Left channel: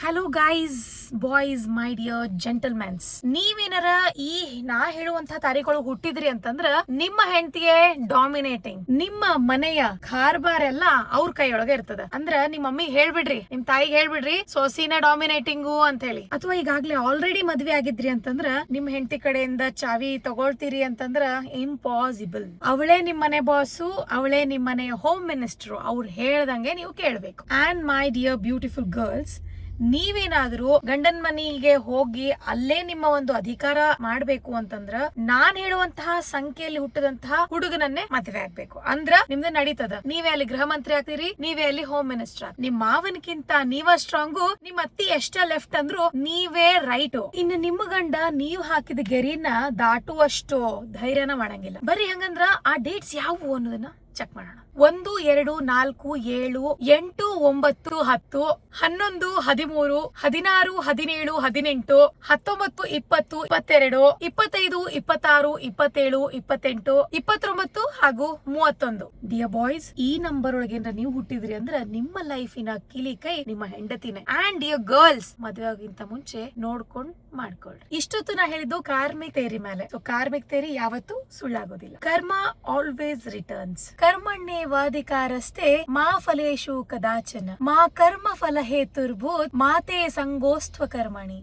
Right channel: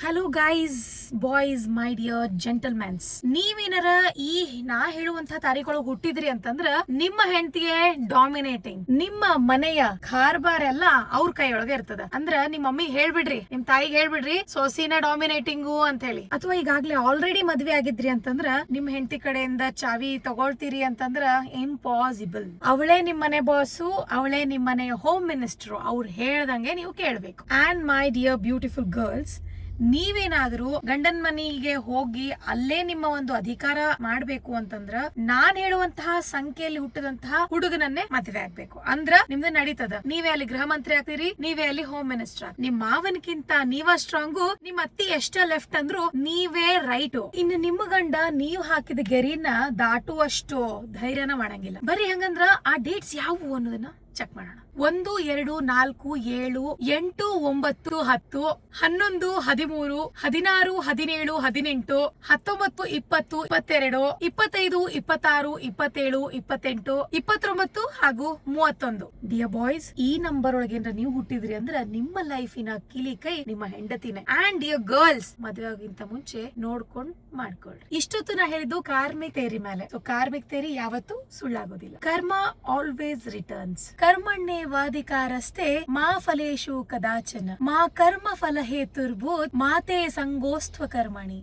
Hello guys, boys, my dear gentlemens. ನೀವೇನಾರ ಈ ನಾ ಹೇಳುವಂತಹ ತಾರೀಖೊಳಗೆ ಹುಟ್ಟಿದ್ರಿ ಅಂತಂದ್ರ ನಿಮ್ಮ ಹೆಂಡತಿಯೇ ಡಾಮಿನೇಟಿಂಗ್. ನಿಮ್ಮ ಮನೆಯ ಕಾರ್ಬಾರ್ ಎಲ್ಲ ಅವ್ರ ಕೈಯೊಳಗೆ ಇರ್ತದ. ಅಂದ್ರ ನಿಮ್ಮ ಮಮ್ಮಿಗೆ ಹೇಳ್ಬಿಡ್ರಿ, ನಿಮ್ ತಾಯಿಗೆ ಹೇಳ್ಬಿಡ್ರಿ ಸೊಸಿನ ಡಾಮಿನೇಟಿಂಗು ಅಂತ ಹೇಳಿ. ಅಥವಾ ಈಗಾಗ್ಲೇ ಆಲ್ರೆಡಿ ಮದ್ವೆ ಆಗಿದ್ರಿ ಅಂತಂದ್ರ ನಿಮ್ ಹೆಂಡತಿ ಕಡೆಯಿಂದ ಚಾವಿ ತಗೊಳ್ತೀರಿ ಅಂತಂದ್ರ ಇಂಪಾಸಿಬಲ್. ಅವಳೇ ನಿಮ್ ಮನೆ ಬಾಸು, ಅವಳೇ ನಿಮ್ ಮನೆಯ ಹೋಮ್ ಮಿನಿಸ್ಟರ್. ಅವ್ರು ಹೇಳ್ದಂಗೆ ನೀವು ಕೇಳ್ಬೇಕು. And my dear beautiful girls, ನೀವೇನಾದ್ರೂ ಗಂಡನ್ ಮನೆಗೆ ಹೋಗಿ ಅಲ್ಲೇ ನಿಮ್ಮ ಒಂದು ಅಧಿಕಾರ ಮಾಡ್ಬೇಕು ಅಂತಂದ್ರ ನಾನ್ ಹೇಳುವಂತಹ ಸಂಖ್ಯೆಯಲ್ಲಿ ಹುಟ್ಟಿದಂತಹ ಹುಡುಗನನ್ನೇ ಮದುವೆ ಆಗ್ಬೇಕು. ಅಂದ್ರ ನಿಮ್ದು ನಡೀತದ. ನೀವೇ ಅಲ್ಲಿ ಗೃಹ ಮಂತ್ರಿ ಆಗ್ತೀರಿ, ನೀವೇ ಅಲ್ಲಿ ಹೋಮ್ ಮಿನಿಸ್ಟರ್. ನಿಮ್ ಮಾವನ್ಕಿಂತ ನೀವ ಸ್ಟ್ರಾಂಗು, ನಿಮ್ ಅತ್ತಿ ಎಷ್ಟ ಲೆಫ್ಟ್ ಅಂದ್ರು ನೀವೇ ರೈಟ್. ಇನ್ನು ನಿಮ್ಮ ಗಂಡ ನೀವು ಹಾಕಿದ ಗೆರಿನ ದಾಟುವಷ್ಟು ಧೈರ್ಯನ ಮಾಡಂಗಿಲ್ಲ. ಬರ್ರಿ ಹಂಗಂದ್ರ ಆ ಡೇಟ್ಸ್ ಯಾವುವು ಅನ್ನೋದನ್ನ ಚೆಕ್ ಮಾಡೋಣ. 1, 2, 4, 7, 8, 9, 10, 11, 13, 16, 17, 18, 19, 20, 22, 25, 26, 27, 28, 29 ಹಾಗೂ 31. ಡಿಯರ್ ಬಾಯ್ಸ್, ಈ ನಂಬರ್ ಒಳಗೆ ನೀವು ಹುಟ್ಟಿದ್ರಿ ಅಂದ್ರೆ ನಿಮ್ಮ ಲೈಫಿನ ಕಿಲಿ ಕೈ ನಿಮ್ಮ ಹೆಂಡತಿನೇ. ಅಂಡ್ ಡಿಯರ್ ಗರ್ಲ್ಸ್, ಮದುವೆ ಆಗಿಂತ ಮುಂಚೆ ನೋಡ್ಕೊಂಡ್ ಮಾಡ್ಕೊಳ್ರಿ. ಇಷ್ಟೊತ್ತು ನಾ ಹೇಳಿದ್ದು ಕಾರ್ಮಿಕ್ ತೇರಿ ಮೇಲೆ. ಕಾರ್ಮಿಕ್ ತೇರಿ ಯಾವತ್ತೂ ಸುಳ್ಳಾಗೋದಿಲ್ಲ. ಕರ್ಮ ಆಲ್ವೇಸ್ ರಿಟರ್ನ್ಸ್. ಕರ್ಮಣ್ಯೇವಾಧಿಕಾರಸ್ತೆ ಮಾ ಫಲೇಶು ಕದಾಚನ ಮಾ ಕರ್ಮ ಫಲ ಹೇತುರ್ಭೂತ್ ಮಾತೆ ಸಂಗೋಸ್ತ್ವ ಕರ್ಮಣಿ.